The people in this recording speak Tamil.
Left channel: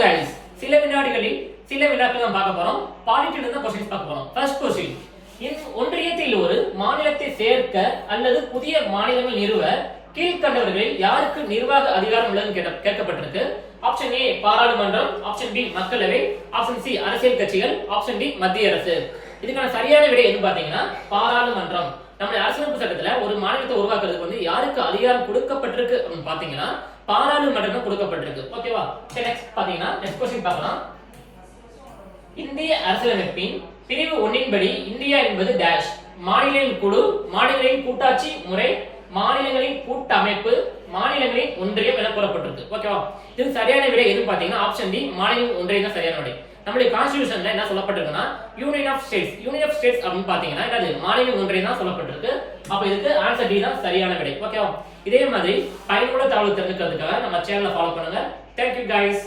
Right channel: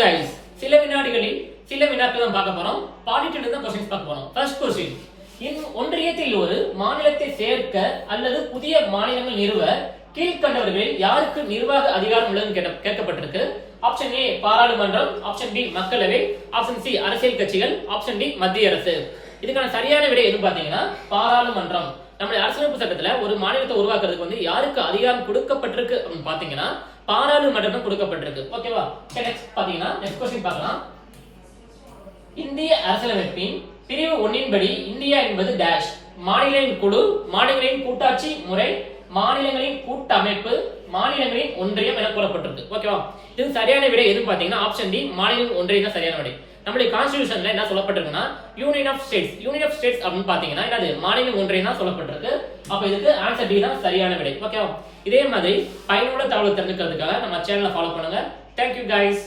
guys, சில வினாடிகளில் சில வினாக்கள் தான் பார்க்க போறோம். பாலிட்டில இருந்து क्वेश्चंस பார்க்க போறோம். First question. ஒன்றியத்தில் ஒரு மாநிலத்தை சேர்க்க அல்லது புதிய மாநிலங்கள் நிறுவ கீழ்க்கண்டவர்களில் யாருக்கு நிர்வாக அதிகாரம் உள்ளதுன்னு கேட்கப்பட்டிருக்கு. ஆப்ஷன் ஏ பாராளுமன்றம், ஆப்ஷன் பி மக்களவை, ஆப்ஷன் சி அரசியல் கட்சிகள், ஆப்ஷன் டி மத்திய அரசு. இதுக்கான சரியான விடை எது பாத்தீங்கன்னா பாராளுமன்றம். நம்மளுடைய அரசியலமைப்பு சட்டத்துல ஒரு மாநிலத்தை உருவாக்குறதுக்கு வந்து யாருக்கு அதிகாரம் கொடுக்கப்பட்டிருக்கு அப்படின்னு பாத்தீங்கன்னா பாராளுமன்றம் தான் கொடுக்கப்பட்டிருக்கு. ஓகேவா? சரி, நெக்ஸ்ட் பாத்தீங்கன்னா நெக்ஸ்ட் क्वेश्चन பார்க்கலாம். இந்திய அரசியலமைப்பின் பிரிவு 1 படி இந்தியா என்பது டேஷ் மாநிலங்களின் குழு, மாநிலங்களின் கூட்டாட்சி முறை, மாநிலங்களின் கூட்டமைப்பு, மாநிலங்களின் ஒன்றியம் என கூறப்பட்டிருக்கு. ஓகேவா? இது சரியான விடை எது பாத்தீங்கன்னா ஆப்ஷன் டி மாநிலம் ஒன்றியம் தான் சரியான விடை. நம்மளுடைய கான்ஸ்டிடியூஷன்ல என்ன சொல்லப்பட்டிருக்குன்னா union of states. Union of states அப்படின்னு பாத்தீங்கன்னா என்னது மாநிலம் ஒன்றியம் தான் சொல்லப்பட்டிருக்கு. அப்ப இதுக்கு ஆன்சர் டி தான் சரியான விடை. ஓகேவா? இதே மாதிரி பயனுள்ள தகவல் தெரிஞ்சுக்கிறதுக்காக நம்ம சேனலை ஃபாலோ பண்ணுங்க. Thank you guys.